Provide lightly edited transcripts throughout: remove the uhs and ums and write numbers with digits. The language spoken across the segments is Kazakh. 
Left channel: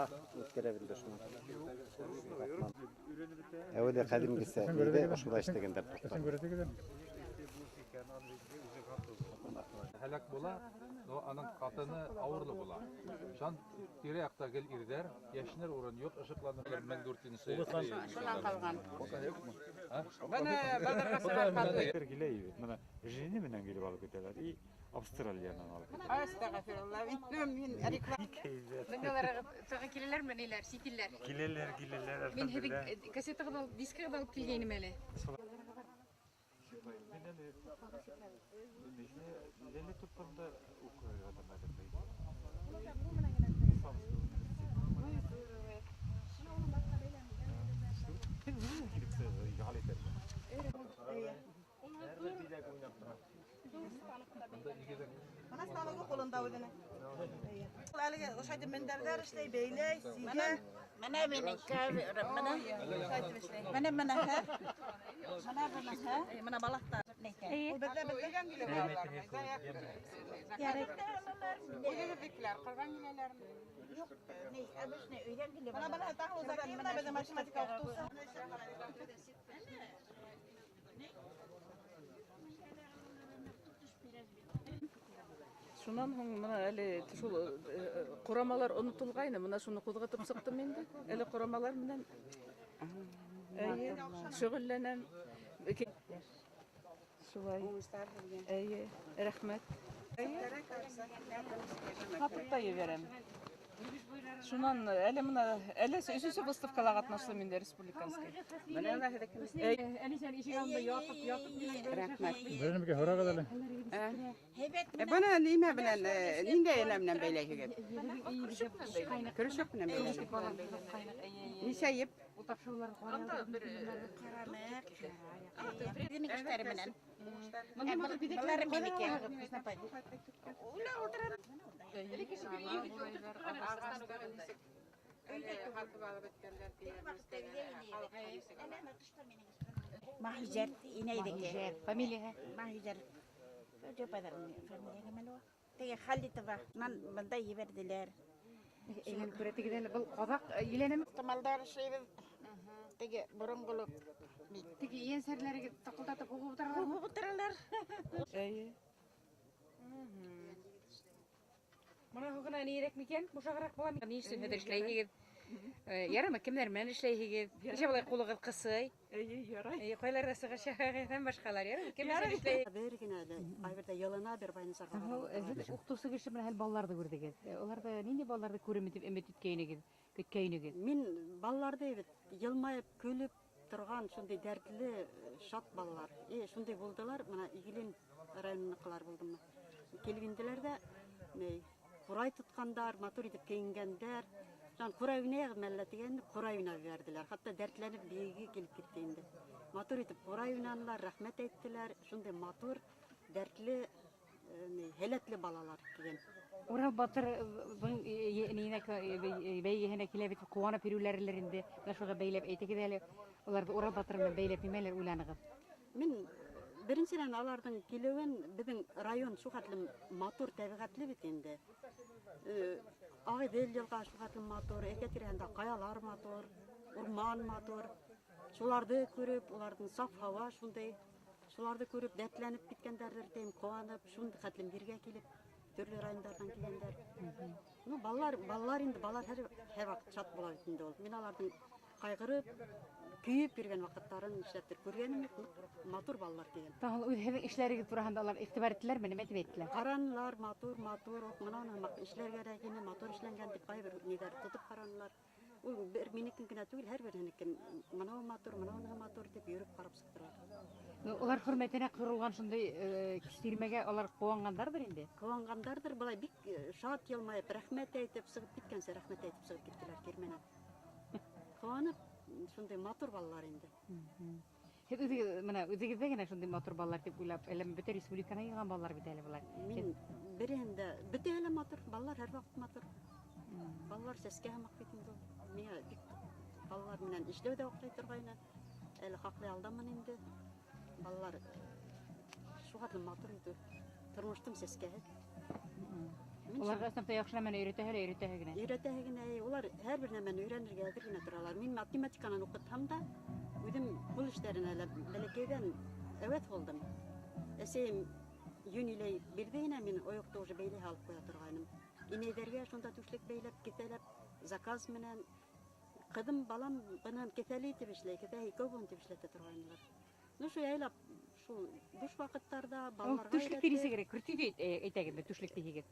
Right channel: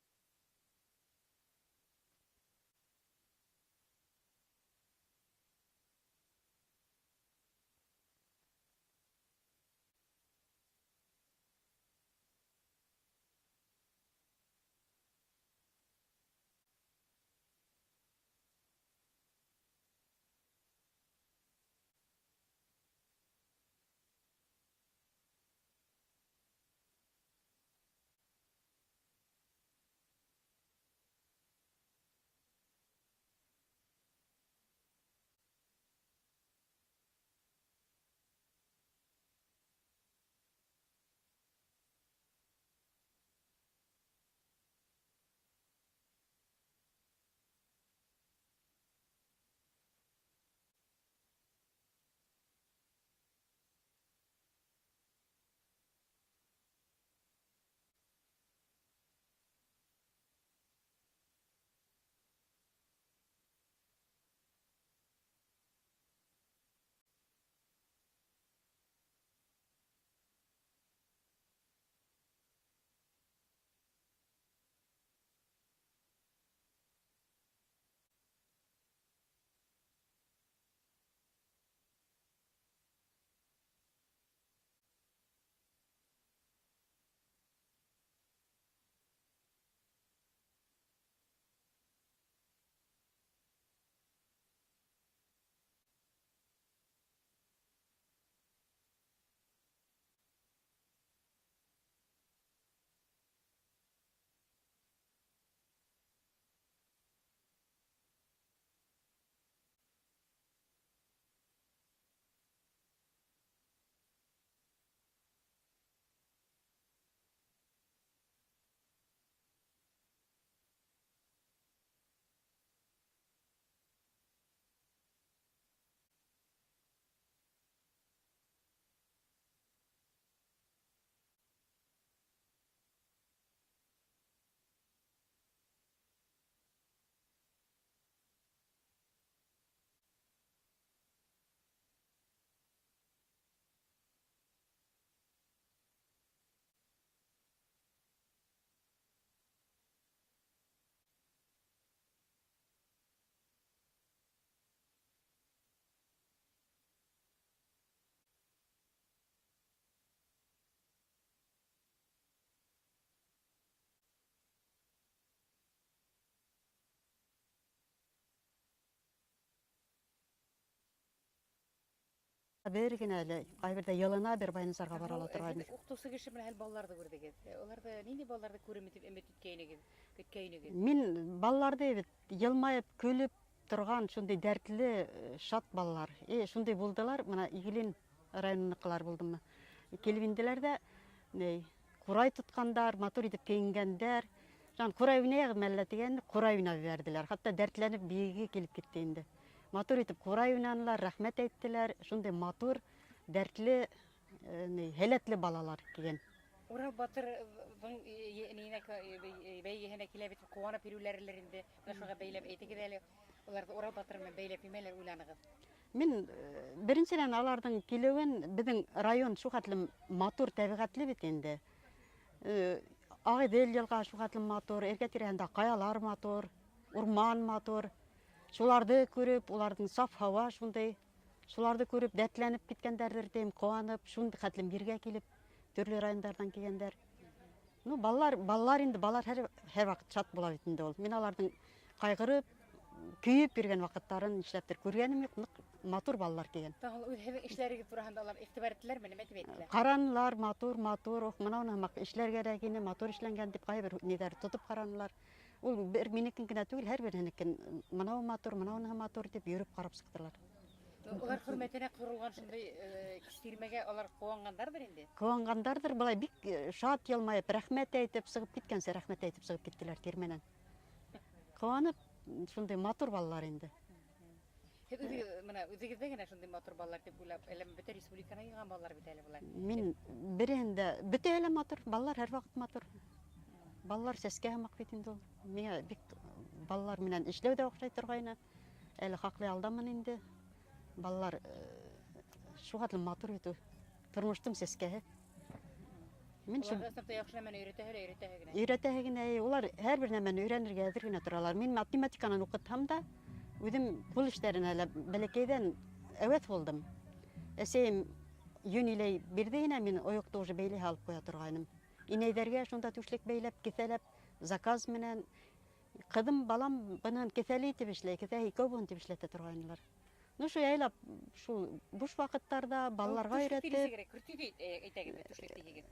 Ама өткөрөбүлдү шуну. Эвде кадимгисе үйдө ушулай иштегендер токтор. Helak bola, anın katını ağırlı bola. Şan biri yakta gel irder, yaşınır oran yok, ışıklanırlar mengurtini sayı. Şundan kalgan. Bana baldarga sıra kaldı. Gileydi. Bana jini menen gelip alıp gidiyorlar. İyi Avustralya'dan alıp gidiyorlar. Estağfirullah. Bilmiyorum ben arıklar. Bunlara tağı kileler mi neler, sitiller. Gileler Ben hep kasete kadar, diske kadar alıp kilgeynim hele. Lele tutparında okuyor adamlar. Bana sağlığı kolunda ödene. Alige oşaydı menderler işte beyle sige. Mana benim kahve mana. Mana ha. Mana balakta. Ne? O bedle bedle geliyor. Yarek. Öyle fikirler, kargan gineler. Yok. Ne? Amış ne? Öyle geliyor. Bana tahıl zaten bana bedle matematik okutusu. Şundan soň mana eli şol kuramalar unutulgaýny, mana şunu kuzgatyp syktym endi. Eli kuramalar bilen şögüllenen şulay. Eýe, rahmet. Hatykdaý berem. Şundan eli mana eli üçüncü выставкаларга gatnaşdym endi respublikanský. Mana hedekimiz. Eli sen işi yanında yatıp Rahmet. Benimki horaga da. Bana nime bilen ninde elemden beyle hügep. Körüşüp bilen beyle. Nişeyip. Demek işleri bilen. Bunlar bideklerim benimki. Ula oturan. Mahzer ineydik. Familia. Mahzer. Çok kadar familia kemalo. Tege halde tava. Banda yiverdiler. Eğlen körete gidelim. Bu kozak ilenem. Tamaldar şey tege borongoluk. Teki yen serleri takıldatıp okup oturarlar. Bu oturarlar. Eýe. Bana hukuna nirek miken? Bu şagarak bolam. Ni işin heder işleyhigid. Yarama kimler men işleyhigid. İşe bolay kulugy kysy. Eýe, yaray. Koylarda sıgır şahagatan başkalar yarama. Kimler işleyhigid. Bergin әле, кайбердә ялына бер байнысарга бара алатырган. Укытусы киши менен балларды көрдүгүз. Оларда нинди балларды көрөмүтүп эмет үткөйнүгүз, көткөйнүгүз. Мин балларды бит елмайып, көлүп турган шундый дәртле, шат баллар. Шундый булдылар, мына Игилин районунукулар булдымы. Келип индилер да, курай туткандар, матур итип кийингендер. Жан курай уйнайбы мәллә дигән, курай уйнап бердиләр. Хатта дәртләнеп биеге килип китте инде. Матур итип курай уйнадылар, рәхмәт әйттеләр. Шундый матур, дәртле, һәләтле балалар килгән. Ora batır nine beygehine kilebit kuwana pirülerlerinde şuga beylep eytegideli. Оларды ора батыр менен beylep imeler ulanıgız. Мен биринчиден алардын келебин биздин район шухатлы матур табигатлы бит энди. Агыдел жылга шухатлы матур, эркетиренде каялар матур, урман матур. Шуларды көрүп, улардын саф хава шундай, шуларды көрүп дәртләнеп киткәндәрдер дейм, куанып, шундай хатлым бирге килип, төрле райондардан килгәндер. Ну, балалар инде балалар һәр вакыт шат була бит инде ул. Мен алардын кайгырып, күйүп бирген вакыттарын иштептер көргөнүм юк, матур балалар килген. Тагыл үз ишләригез турында алар игътибар иттеләрме, неме дип әйттеләр? Каранлар матур, мына хамак эшләр кирәгене, матур эшләнгән дип кайбер нидер тутып каранлар. Ул бер минекен генә түгел, һәрберенекен мына матур дип йөрүп карап сыктылар. Олар хөрмәтенә кырылган шундый кистермәгә алар куангандардыр инде. Куангандардыр, булай бик шат елмайып, рәхмәт әйтеп сыгып киткәнсә, рәхмәт әйтеп сыгып киттеләр тирмәнән. Куанып, шундый матур балалар инде. Үзегездә генә шундый матур балалар дип уйлап, әле бөтен республиканы йыган балалар бит әле булар. Мин берендә бөтә әле матур, балалар һәр вакыт матур. Балалар сәскә һәмәк бит инде ул. Миңа бик балалар менән эшләүдә охшай торгайны. Әле хаклы алдамын инде. Балалар шугатлы матур итү. Тормыштың сәскәһе. Мин Улар да сыныпта яхшы нәмәне өйрәтәһе генә. өйрәтәһе генә, улар һәрбер нәмәне өйрәнергә әзер генә торалар. Мин математиканы укытһам да, үзем кул эшләренә лә бәләкәйдән әвәт булдым. Әсәем юнилей бирде генә, мин оекты уже бәйле алып куя торгайным. Инәйҙәргә шунда түшлек бәйләп, кеҫәләп, заказ менән. Ҡыҙым, балам бынан кеҫәле итеп эшләй, кеҫә икәү бун итеп эшләтә торғайнылар. Ну, шул яйлап, шул буш ваҡыттарда балаларға Түшлек өйрәтеп. тиресе керек. Көртү әйтәгеҙ, түшлек тиһегеҙ.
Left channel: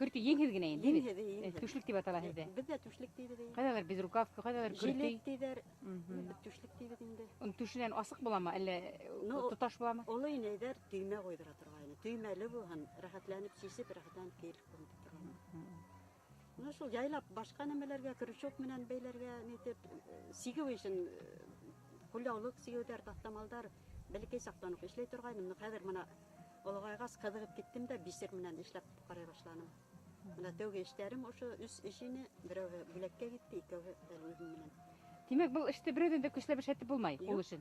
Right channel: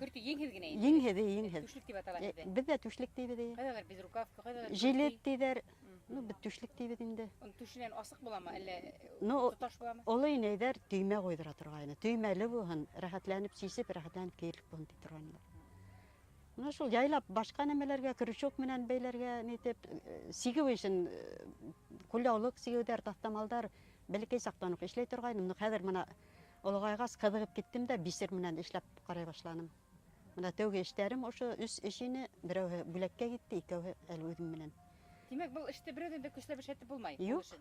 Көртү еңһеҙ генә инде. Еңһеҙ. Түшлек дип атала һеҙҙә. Беҙ дә түшлек тибеҙ. Ҡайҙалыр безрукавка, ҡайҙалыр Жилет тиҙәр. Беҙ түшлек тибеҙ инде. Оның түшенән асыҡ буламы, әллә Ну, тоташ буламы? Олы инәйҙәр төймә ҡуйҙыра торғайны. Төймәле булһын, рәхәтләнеп сисеп, рәхәтләнеп кейелеп булһын тип торғайны. Ну, шул яйлап башҡа нәмәләргә, крючок менән бәйләргә, нитеп, сигеү өсөн, ҡулъяулыҡ сигеүҙәр, таҫтамалдар, бәләкәй саҡтан уҡ эшләй торғайным. Ну, хәҙер мына олоғайғас ҡыҙығып киттем дә, бисер менән эшләп ҡарай башланым. Мына тәүге эштәрем ошо 3 эш ине, берәүһе бүләккә китте, икәүһе әле үҙем менән. Тимәк, был эште берәүҙән дә көсләп эшләтеп булмай, ул Юҡ. өсөн.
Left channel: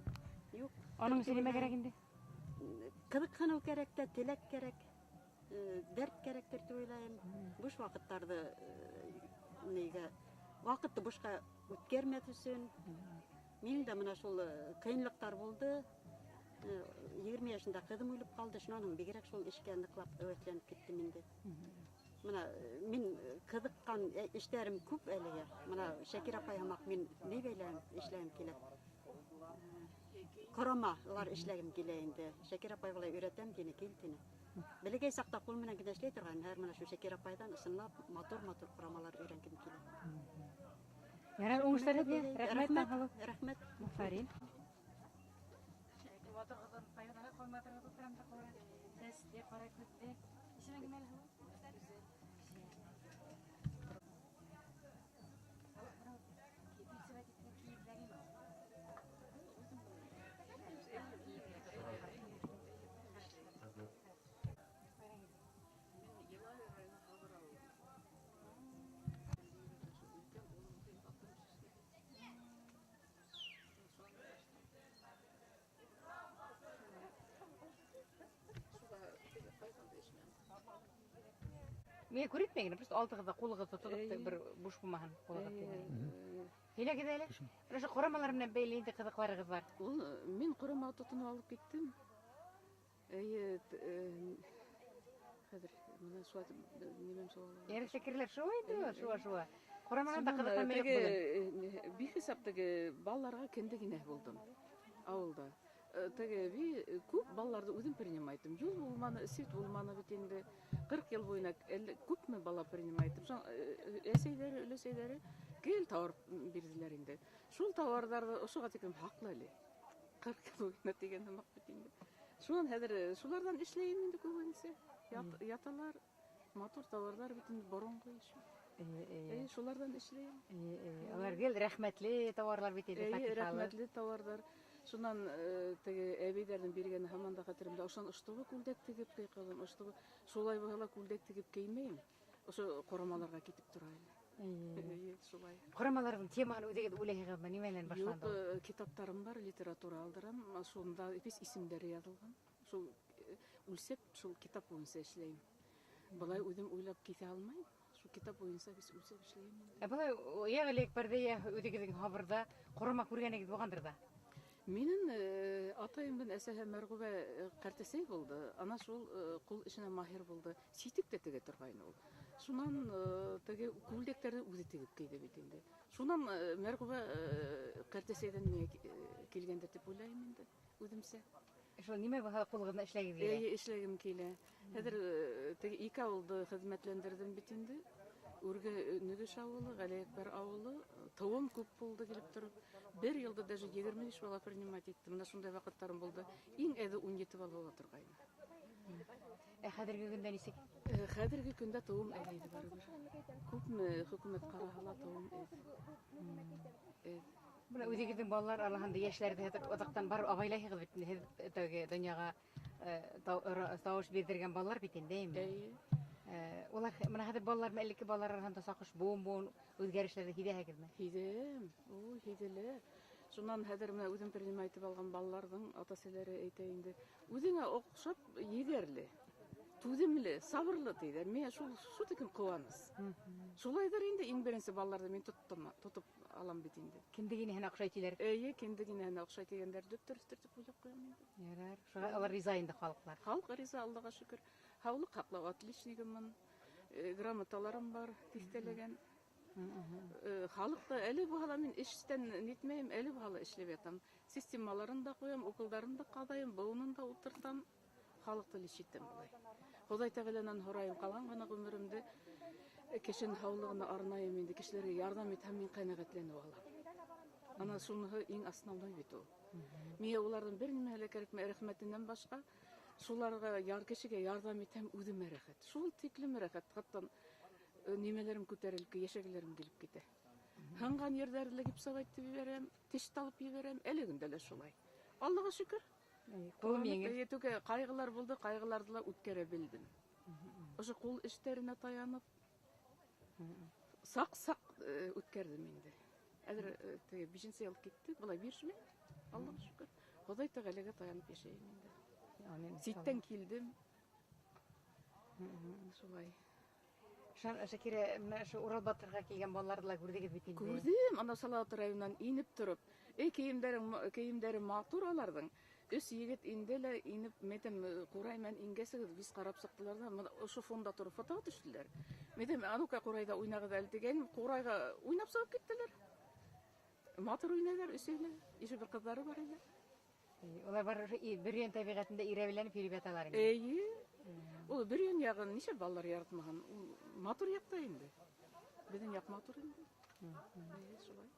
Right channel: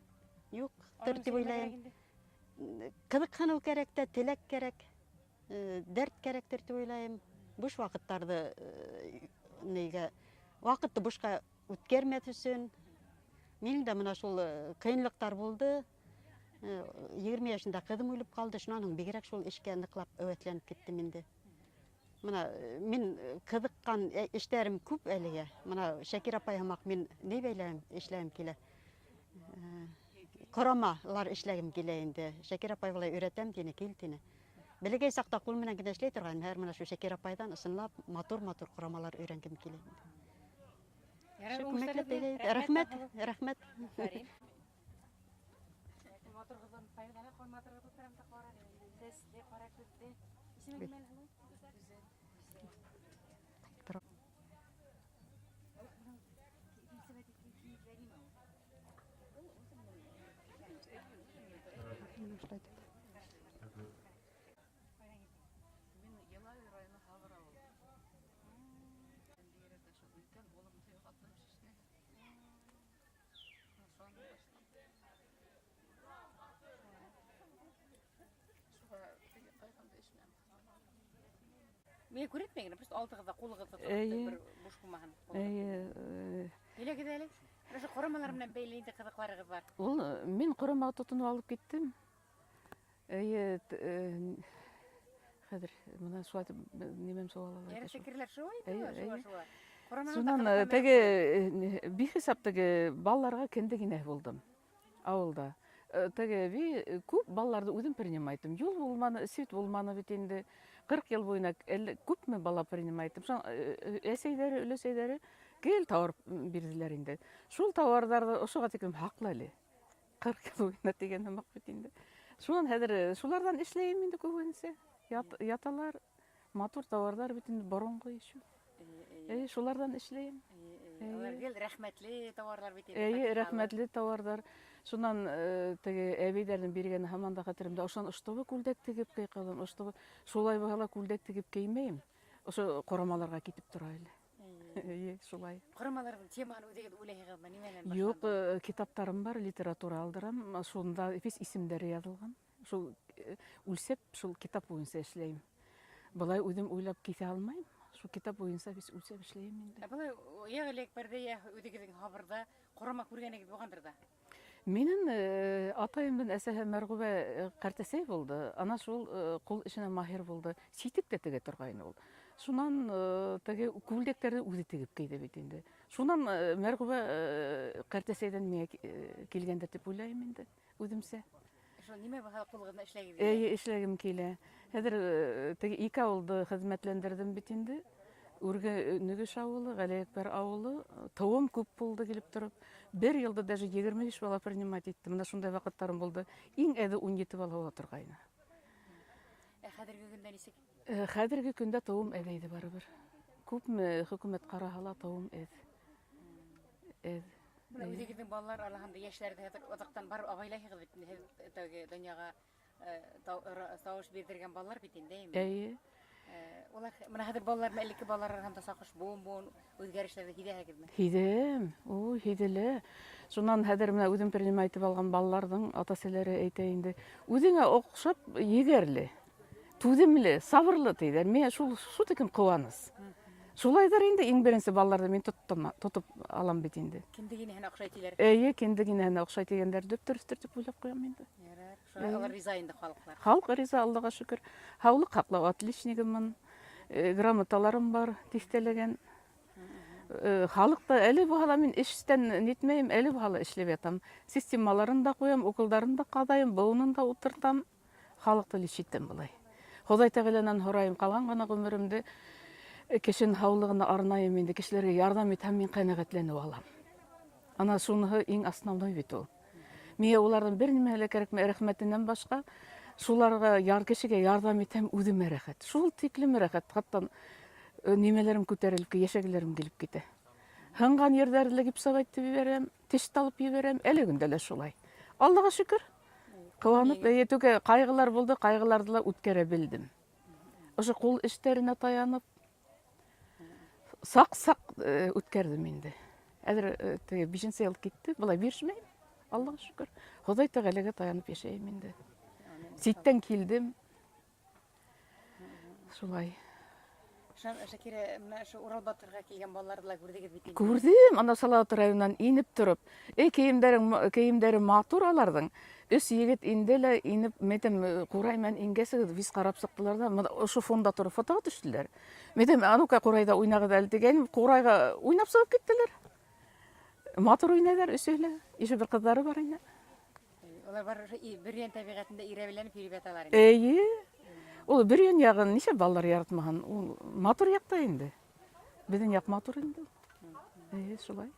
Юҡ, Аның тип өсөн нимә уйлайым. кәрәк инде? Ҡыҙыҡһыныу кәрәк тә, теләк кәрәк, дәрт кәрәктер тип уйлайым. Буш ваҡыттарҙы нигә, ваҡытты бушҡа үткәрмәҫ өсөн. Минең дә мына шул ҡыйынлыҡтар булды. 20 йәшендә ҡыҙым үлеп ҡалды, шунан һуң бигерәк шул эшкә ныҡлап әүәҫләнеп киттем инде. Мына мин ҡыҙыҡҡан эштәрем күп әлегә. Мына Шакир апай һымаҡ мин ни бәйләйем, эшләйем килә. Ҡорамалар эшләгем килә инде. Шакир апай былай өйрәтәм тине, кил тине. Бәләкәй саҡта ҡул менән генә эшләй торғайным. Хәҙер мына шу Шакир апайҙан ысынлап матур-матур ҡорамалар өйрәнгем килә. Ярар, уңышлар теләйем. Рәхмәт, рәхмәт. Фарин. Мен күрәтмәгән, просто алтыгызда кулыгызда тотып бер буш булмаһын. Һиләгез әле. Менә ҡорамалар менән бәйле инде ҡыҙыҡларығыҙ бар. Ул мин ҡорама тотонуп алып киттем. Хәҙер мына шулай нимәм сауаллар. Яры фекерләр шулай. Шунан теге бихисап теге балаларға кендегенә булдым ауылда. Теге күп балаларды үҙем принимайтым. Юл булманы, свет булманы бит инде. 40 йыл буена күпме бала принимайтым. Әсәйҙәре, өләсәйҙәре гел тауар бирҙеләр инде. Шул тауарҙарҙы ошоға тиклем һаҡлы әле. 40 йыл буена тигән һымаҡ бит инде. Шунан хәҙер шуларҙан эшләйем инде күбенсә. Яталар, матур тауарҙар бит инде боронғо ишү. Шуларҙан эшләйем. Алар гел рәхмәтле тауарлар бит инде. Рәхмәтле тауарҙар. Шунан теге әбейҙәрҙең биргәне һаман да хәтеремдә. Ошон ыштыбы күлдәк тегеп кейҡалым. Шулай булһа күлдәк тегеп кеймәйем. Ошо ҡорамаларға китеп тора әле. Шулай. Ҡорамаларҙың темаһын үҙегеҙ уйлайһығыҙмы? Нимәнән башланды? Юҡ, китаптарым бар, литература алдырам. Шунда весь исемдәре яҙылған. Шул үлсәп, шул китап буйынса эшләйем. Былай үҙем уйлап китә алмайым. Шул китап буйынса весь үлсәп эшләйем инде. Былай я элек-берҙә я үҙегеҙҙең һабырҙа ҡорама күргәнегеҙ булғандыр да. Минең атайымдың әсәһе Мәрғүбә ҡартәсәй булды. Ана шул ҡул эшенә маһир булды. Ситек тә тегә торғайны ул. Шунан теге күлдәктәрҙе үҙе тегеп кейҙе бит инде. Шунан Мәрғүбә ҡартәсәйҙән миңә килгәндер дип уйлайым инде үҙемсә. Шул нимә булһа ҡулығыҙҙа эшләгеҙ? Эшләгем килә. Хәҙер теге 2 ауылды хеҙмәтләндерҙем бит инде. Үргә Нөгөш ауылы, Ғәлиәкбәр ауылы, тыуым күп булды килеп тороп. Бер йылда даже 25 бала принимать иттем. Менә шундай ваҡыттарым булды. Иң әҙе 17 бала ла торғайны. Хәҙерге көндә нисек? Хәҙерге көндә тыуым әҙ иде барыбер. Күпме хөкүмәт ҡараһа ла тыуым әҙ. Үҙегеҙҙең балалар араһында йәшләрҙе оҙаҡтан барып абайлайһығыҙ бит инде. Һеҙ теге донъяға тауыш бирҙергән балалар бит инде. Улар менә хәҙер балалар, элекке балалар араһында саҡыш буын үҙгәрешләрҙе һиҙәһегеҙме? Һиҙәм, һиҙелә. Шунан хәҙер менә үҙем принимать итеп алған балаларҙың ата-әсәләре әйтә инде, үҙеңә оҡшап егәрле. түземлі, сабырлы дейдер. Мен шул текім кубаныс. Шулайдар енді ең бірінші балаларды мен тұтып алам бит енді. Кендегине хана окшойт илер. Кендегине хана окшойт дегендер дөптөрүстөр деп ойлап коем енді. Алар риза инде халыклар. Халык риза, Аллага шүкүр. Хаулык каплап отличнигимин, грамоталарым бар, тиктелеген. Халыкта әле бухала мен иштен нетмейм, әле бухала иштеп атам. Системаларын да коем, окулдарын да кадайым, буунун да утыртам. Халыкты лишиттем булай. Ходай Тағаладан хорайым, калган гана гөмүрүмдү кишинин хаулыгына арнайым менде кишилерге жардам этем, мен канагаттанып алам. Ана шуны эң основной бит ол. Мен олардан бир неме эле керек, рахметинен башка шуларга кишиге жардам этем, өзүм рахат. Шул тиклим рахат, хаттан немелерим көтөрүлүп, ешеглерим келип кете. Хынган жерлерде гипс айтып жиберем, тиш талып жиберем, эле күндө эле шулай. Аллага шүкүр. Кыланып, түгө кайгылар болду, кайгыларды да өткөрө билдим. Ошо кол иштерине таянып, сак өткөрдүм менде. Азыр теге бишинчи ел кетти, булай биришмейм. Аллага шүкүр. Ходай Тағалага таянып жашайм менде. Ситтен келдим. Шулай. Шакире, шу Урал Батырга келген балаларды көрдүгүз бит. Көрдүм, ана Салават районунан инип туруп. Кийимдери матур алардын. Үс егет инделе инип, метем кураймен ингеси биз карап сыктылар да, ошо фонда туруп фотого түштүлөр. Метем анука курайда уйнагыда эле деген, курайга уйнап чыгып кеттилер. Матур уйнайдар өсөлө. Ише бир кыздары бар эне. Олар бар бирген табигатында иребеленип йөрүп аталар. Ол бирген ягын неше балдар яратмаган. Матур якта инде. Биздин як матур инде. Шулай.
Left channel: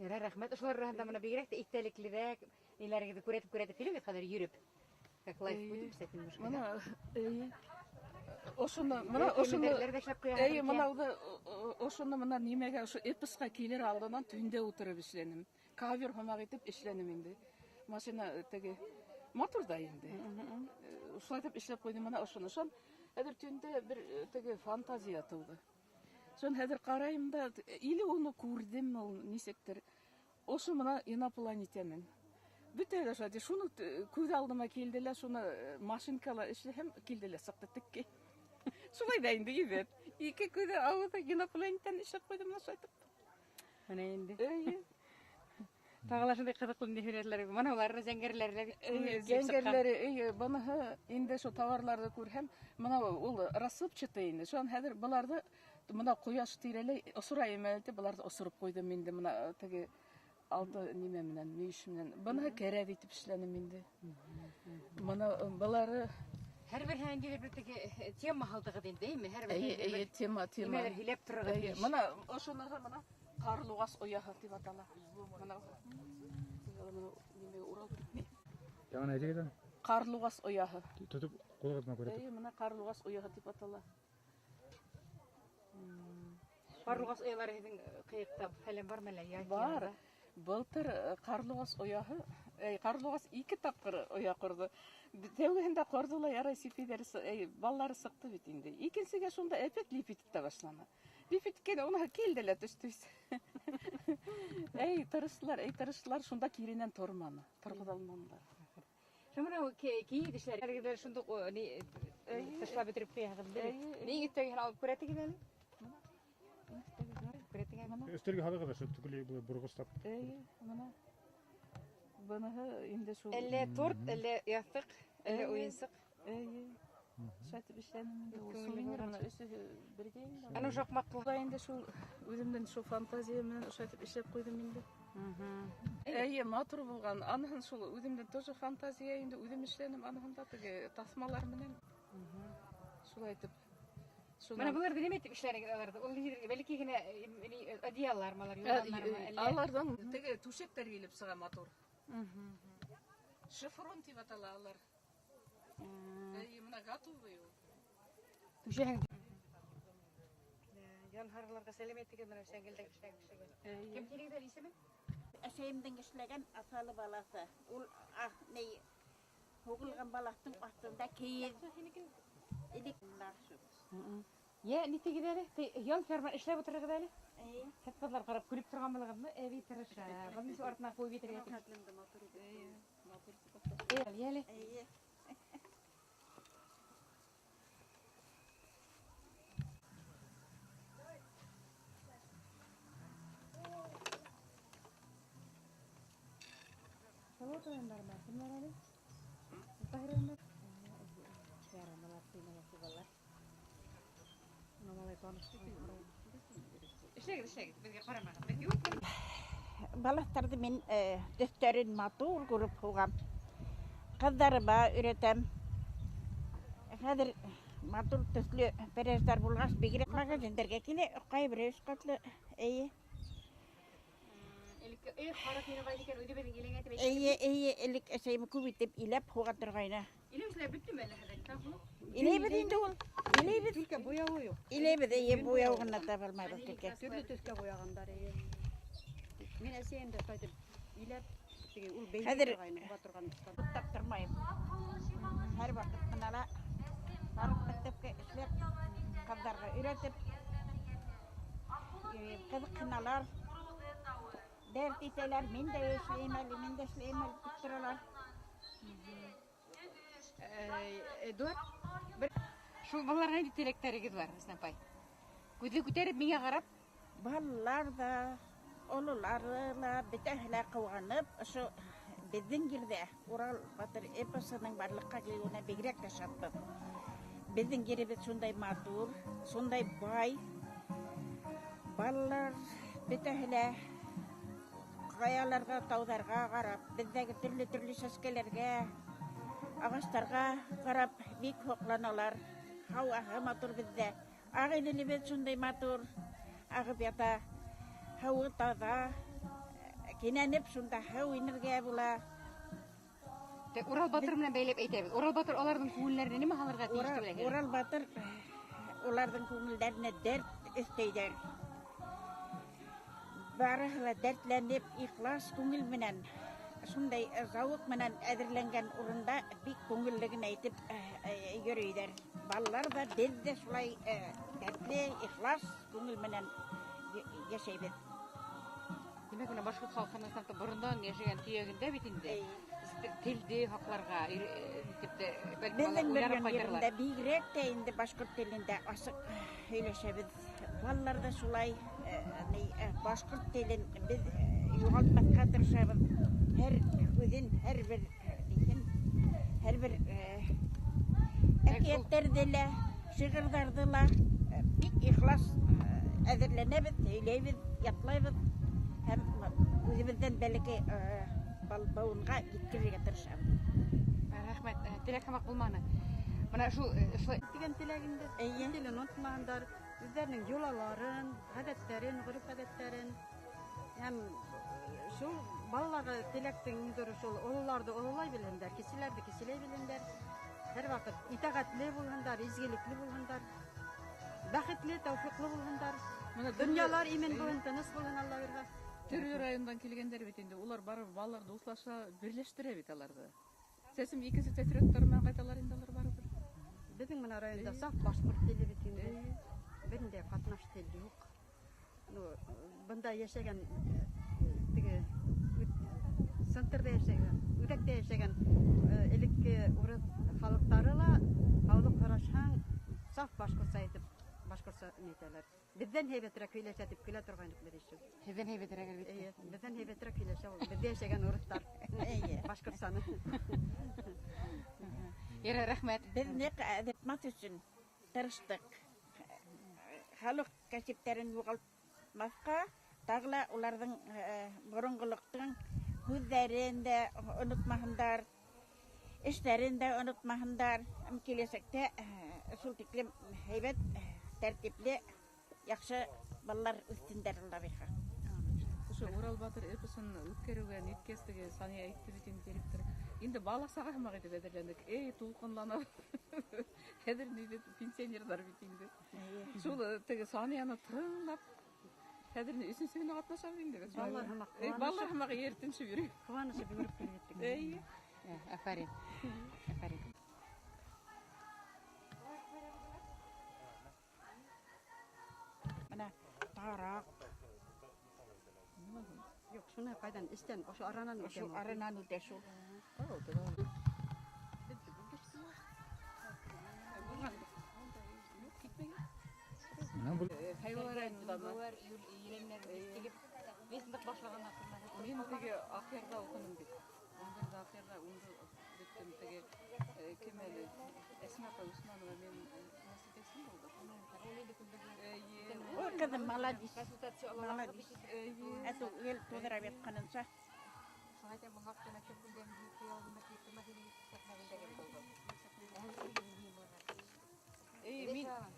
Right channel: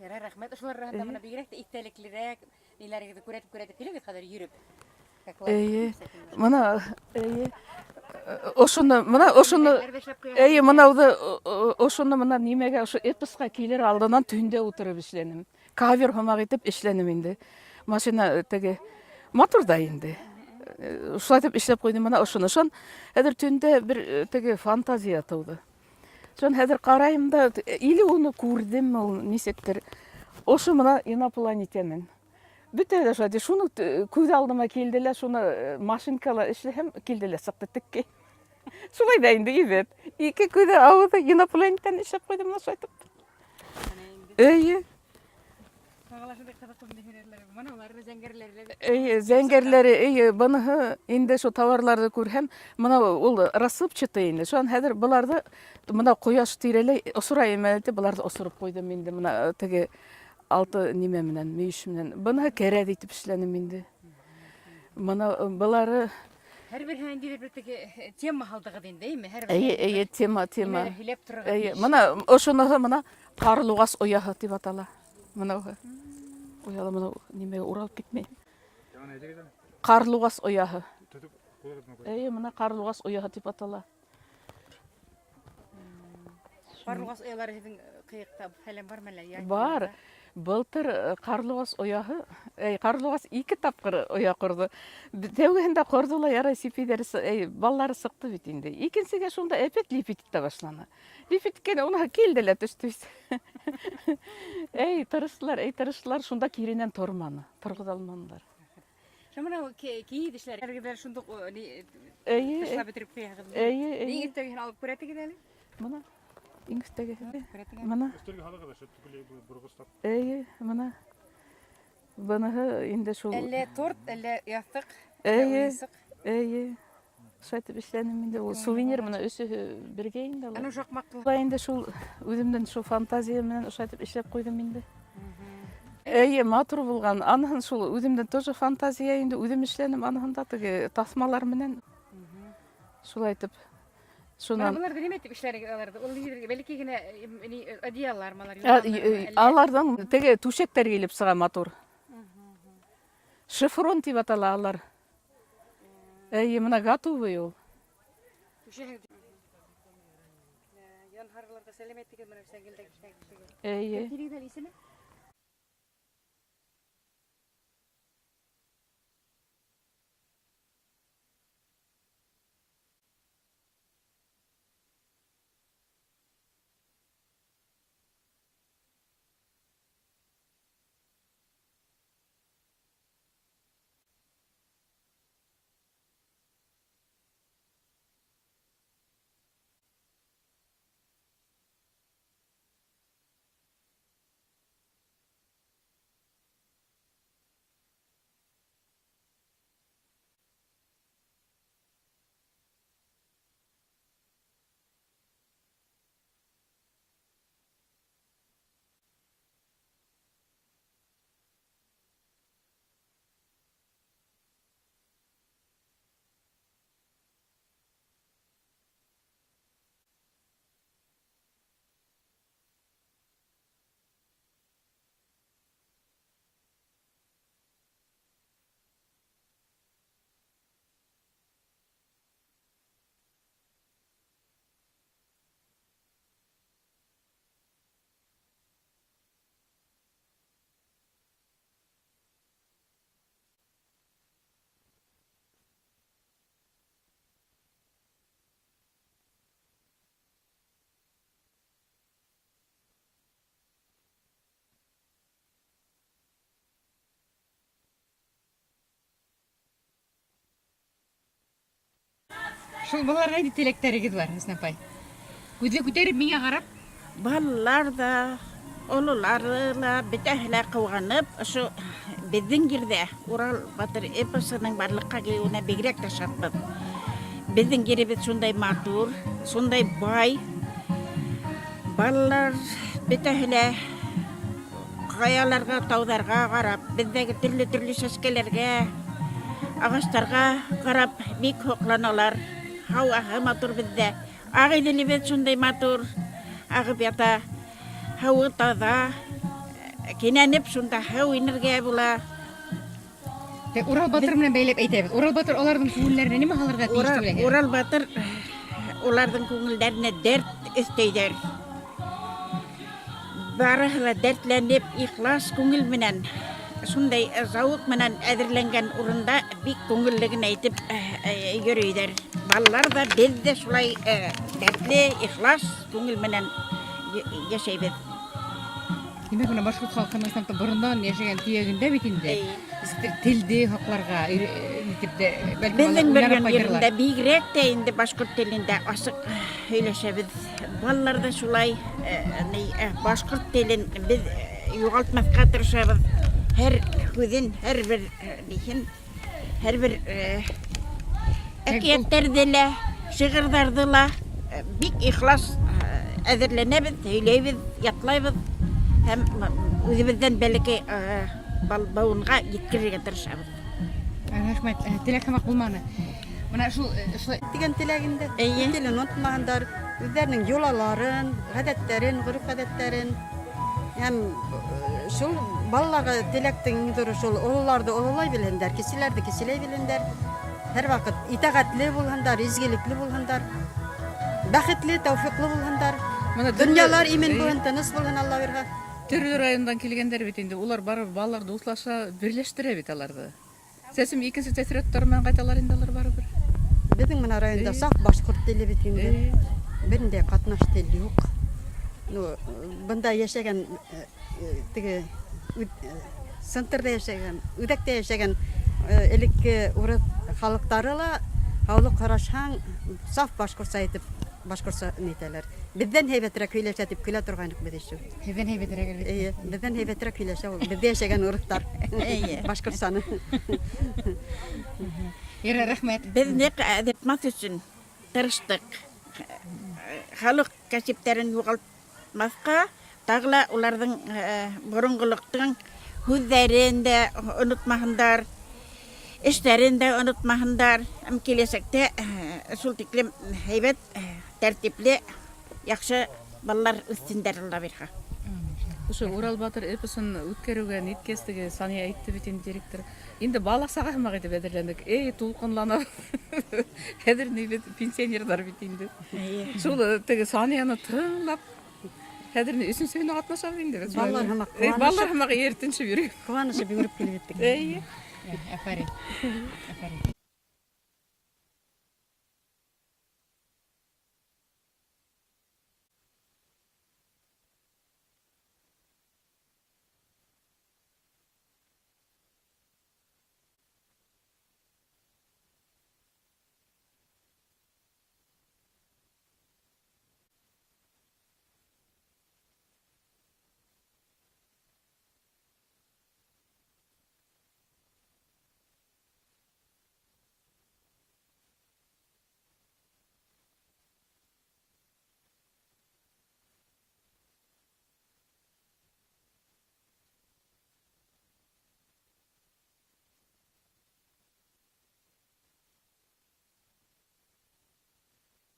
Рахмет. Ошолор рахмат мына бигерәк тә иттәлеклерәк, ниләргә күрәтеп килегез хәзер йөрүп. Мына ошону мына немеге ошо эпоска келер алдынан түндө утырып иштеним. Кавер хамак этип иштеним инде. Машина теге мотор да инде. Ушулай деп иштеп койдум мына ошону. Ошон хәзер түндө бир теге фантазия тууду. Ошон хәзер карайым да, или уну күрдүм, ул нисектер. Ошо мына инопланетянин. Бүтө эле ошо шуну көз алдыма келди эле, шуну машинкалар иштесем келди эле сыкты тикке. Шулай да инде ибет. Эки көзү ауызы инопланетян иштеп койдум ошо айтып. Тағалашындай кызыктуу неферелер, мына улар зәңгерләр. Зәңгерләре, буны инде шу товарларды күрһәм, мына ул рассыпчатый инде. Шуан хәзер буларды мына кояш тирәләй осурайым әле, буларды осурып койдым инде мына теге алты неме менен, мөйүш менен. Буны керәк итеп эшләнем инде. Мына булары Һәр бер хәндә бер теге тема халдыгы диндеме? Һәр бер тема. Һилеп торган. Мына ошоны мына Карлугас ояһы дип атала. Мына Уяла мына немеге уралып кетмей. Карлугас ояһы. Мына Карлугас ояһы дип атала. Карлугас оялары һеҙҙең ҡыйыҡта фәлән бармы әллә? Бар. Былтыр Карлугас ояһы, Карлугас 2 тапкыр оя ҡорҙо. Тәүгеһендә ҡорҙо ла ярай сипидәр, баллары сыҡты бит инде. Икенсегә шунда әпәт липит итә башланы. Липит иткән уны килде лә төштө. Тырыштылар, шунда киренән торманы, торғоҙа алманылар. Шамана кейидешләр. Һәргә шундук ташлап бетереп куяһығыҙ. Ни иртәгә алып күрәтегеҙ әле? Мына иңстәге. Мына. Өстәлгә һалыгыҙ, шәп бурғыстап. Мына. Быныһы инде шул. Әллә торт, әллә ястык. Шайтып эшләнем инде. Ул сувенир мына өсө бергә инде. Аны шакмаклы. Инде шул үземдән шул фантазия менән шайтып эшләп куйдым инде. Матур булган. Аныһын шул үземдән тоже фантазия инде. Үзем эшләнем аныһында теге тасмалар менән. Шулай итеп. Шунан булар дип әйтеп эшләргә аларды. Ул бәлки генә одеяллар малар. Алардан теге түшәктәр килеп сыга матур. Шифрон дип атала алар. Мына готовый ул. Янһарларга сәлам әйтегез менә сәңгелдәге эшләгән. Кирегәл исеме? Әшәйемдең эшләгән асалы баласы. Ул һугылган баласын астында кейез. Я нитегез әле? Ян ферма эшләп утырыгыз әле? Хәтфатлар карап күреп торган булыгызмы? Әби тырыша. Гомум шу артына куй битергә. Balıkları men töstörün matur kurup hoğam. Kızlarıma üretem. Hazır matur töslü perezler bulğas begire magazinlerge kile kay bir üç katlı iyi. İyi elik şeyimi kubitip ilep hoğatırgayna. İlebet indi ol. İlebet. Türkiye boyağı yok. İlebet iyi boyağına tabalmaydı Türkiye. Türlü Türkiye boyağanlar. Men eseyinde saydım. İlep ул Hazır бейли батырган. tattırmayım. Her vakit kanala barıp mektepke işler kızlarga üretip kızık kınalar dert iteler men de işleyemel tutturalar. Эдуард. Шул балаларга нинди тилектериңиз бар, Hüsnü апай? Күзү көтөрүп миңе карап, Ballar da olularla bitehler kıvganıp şu bizden girdi Ural Batır eposının barlıkka gelüğüne begrek de şartpıp. Bizden geri biz şunday matur, şunday bay. Ballar bitehler kayalarga, tağlarga karap, bizdeki türlü seskelerge, ağaçlarga karap bik hoklanalar. Hava matur bizde. Ağı dili biz şunday matur. Ağıp yata. Hava taza, kinenip şunda hava inerge bula. Урал батыр менен бейлеп әйтәбез. Урал батыр алардын күңелләренә неме халырга тиештүү белән? Ural Batır, onların көңілдеріне dert isteyder. Barıhla dertlenip, ihlas көңіл менен, şunday zavuk менен әзірленген урында бик көңіллігін айтып yürüyder. Ballar da biz de şulay dertli, ihlas көңіл менен yaşayбыз. Демәк, менә башкорт халкының исламда борындан яшәгән төягендә бит инде. Тилди хакларга итеп дә Bizden bergen yerinde bigrek de indi başkurt dilinde asık söyleşebiz. Ballar da şulay başkurt dilin biz yoğaltmakka tırışabız. Her hüzün, her bir ekiyetlerdiyle, şiğirdardıla bik ihlas әзерленебез, сөйлейбіз, ятlayбыз. Hem өзімізден belki бауынға жеткізуге тырышабыз. Рахмет. Телек хамак булманы. Менә шул Деген телегинде телен unutmaganдар, үзләренең юлаларын, гадәтләрен, гореф-гадәтләрен һәм шул балаларга телектең дөрү шул олыларды олылай белендер, киселәрде киселәй белендер. Һәр вакыт итәгатьле булгандар, изгелекле булгандар, бәхетле, тәүфиклы булгандар. Дөньялар имен булган, тыныс булган Алла биргән. Төрле райондан келгендер бит инде. Улар барып балаларды утлаша бирлештире бит аларды. Сәсим икенче тәсираттар менән кайталар инде алар барыбер. Безнең менә районда сак башкорт теле бит инде. Берендә катнаш теле юк. Ну, бында яшәгән теге центрда яшәгән, үдәктә яшәгән элекке урыс халыктары ла хавлы карашаң саф башкортча әйтеп башкортча нитәләр. Бездән һәйбәтрәк сөйләшә дип көлә торганык без өчен. Хәйбәтрәк әлбәттә. Бездән һәйбәтрәк сөйләшә ул. Бездә яшәгән урыслар. Башкортчаны. Йөрә, рәхмәт. Biz ne etmek için tırıştık. Halk kasiplerin yoğaltmazka, tağla onların burunguluktan hüzlerini de unutmayınlar, işlerini de unutmayınlar. Hem kilesekte sultiklim heybet, tertipli, yakşı ballar üstünderler bir ha. Ошо Урал Батыр эпосын үткөрүүгө ниткестиги Сания айтты бит инде директор. Инде балак сага хамак этип эдерлендик. Тулкунланып. Хәзер бит пенсионерлар бит инде. Шул теге Санияны тыңлап, хәзер үсүнсөйнө катнашабыз инде биз. Балалар хамак Балалар хамак эртинче йөрүп. кубанышы бигүрүп килеп кеттик. Афарин. Yok, şuna kaydan isten, şu aranan Şu aranan öteşu. Хайвалар айтылды. Мен теге Акъярда окудум бит. Ondan zaten onu bittim tege kemeli Esma apа Усманова мен насипесин болду. Ой, кызым, молодец. Молодец. Эту ел тудырап ятканынча.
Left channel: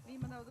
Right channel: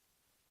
Мен мынауды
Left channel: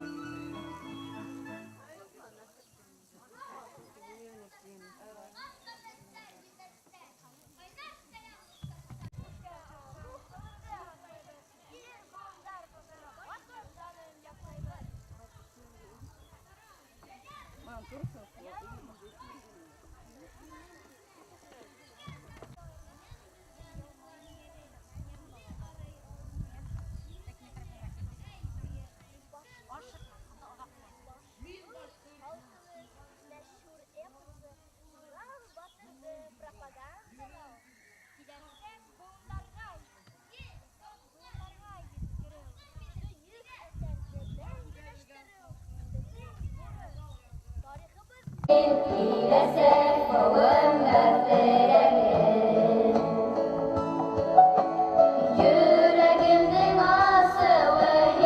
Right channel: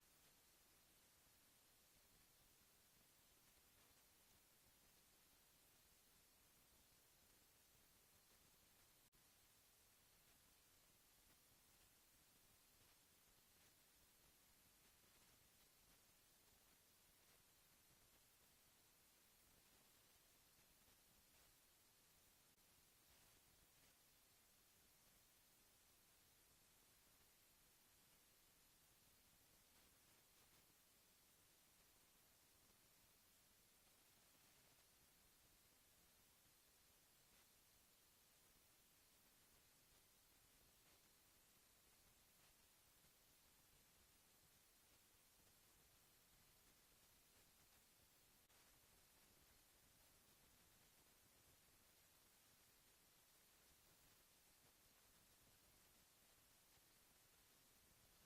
Yüreğimden asıvın,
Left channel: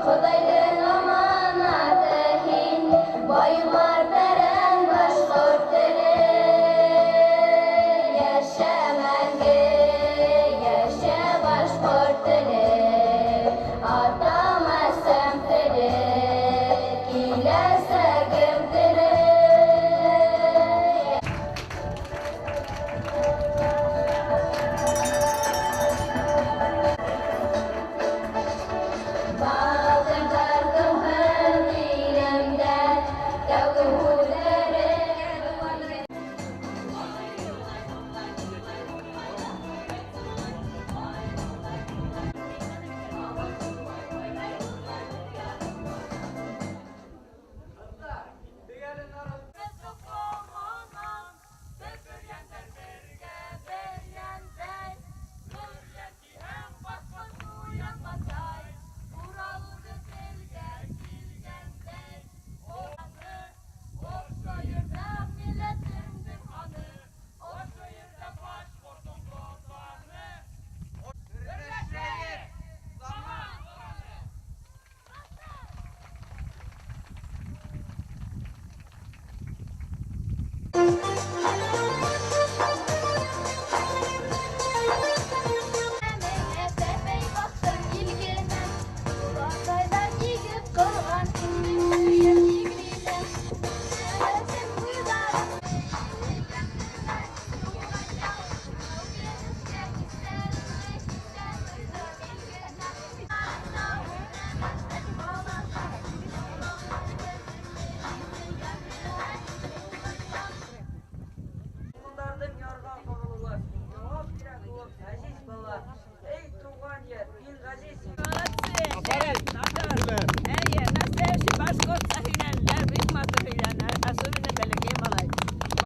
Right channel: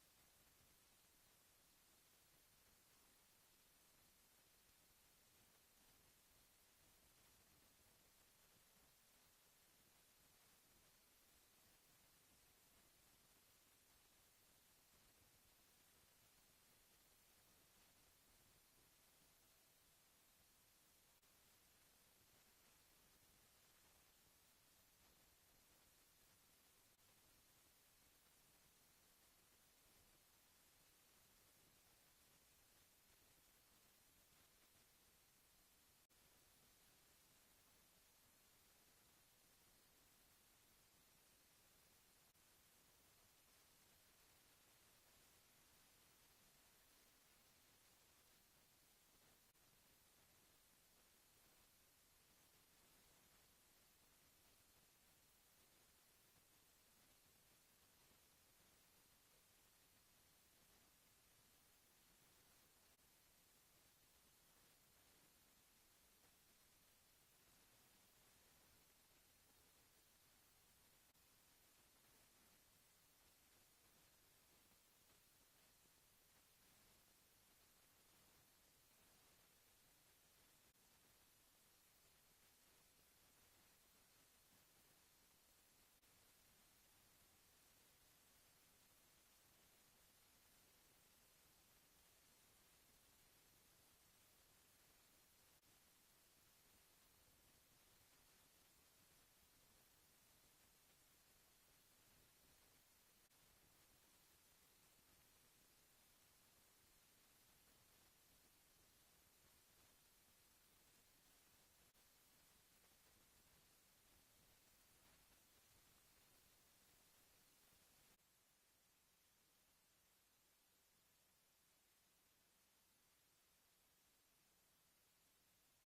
Xudaydan amanatın, Baylar beren başkort dili, Yaşa məngi, yaşa başkort dili, Atama semtili, Kilese gümdili. Bağdım dardım hım dilimden, Dağdım hudarı.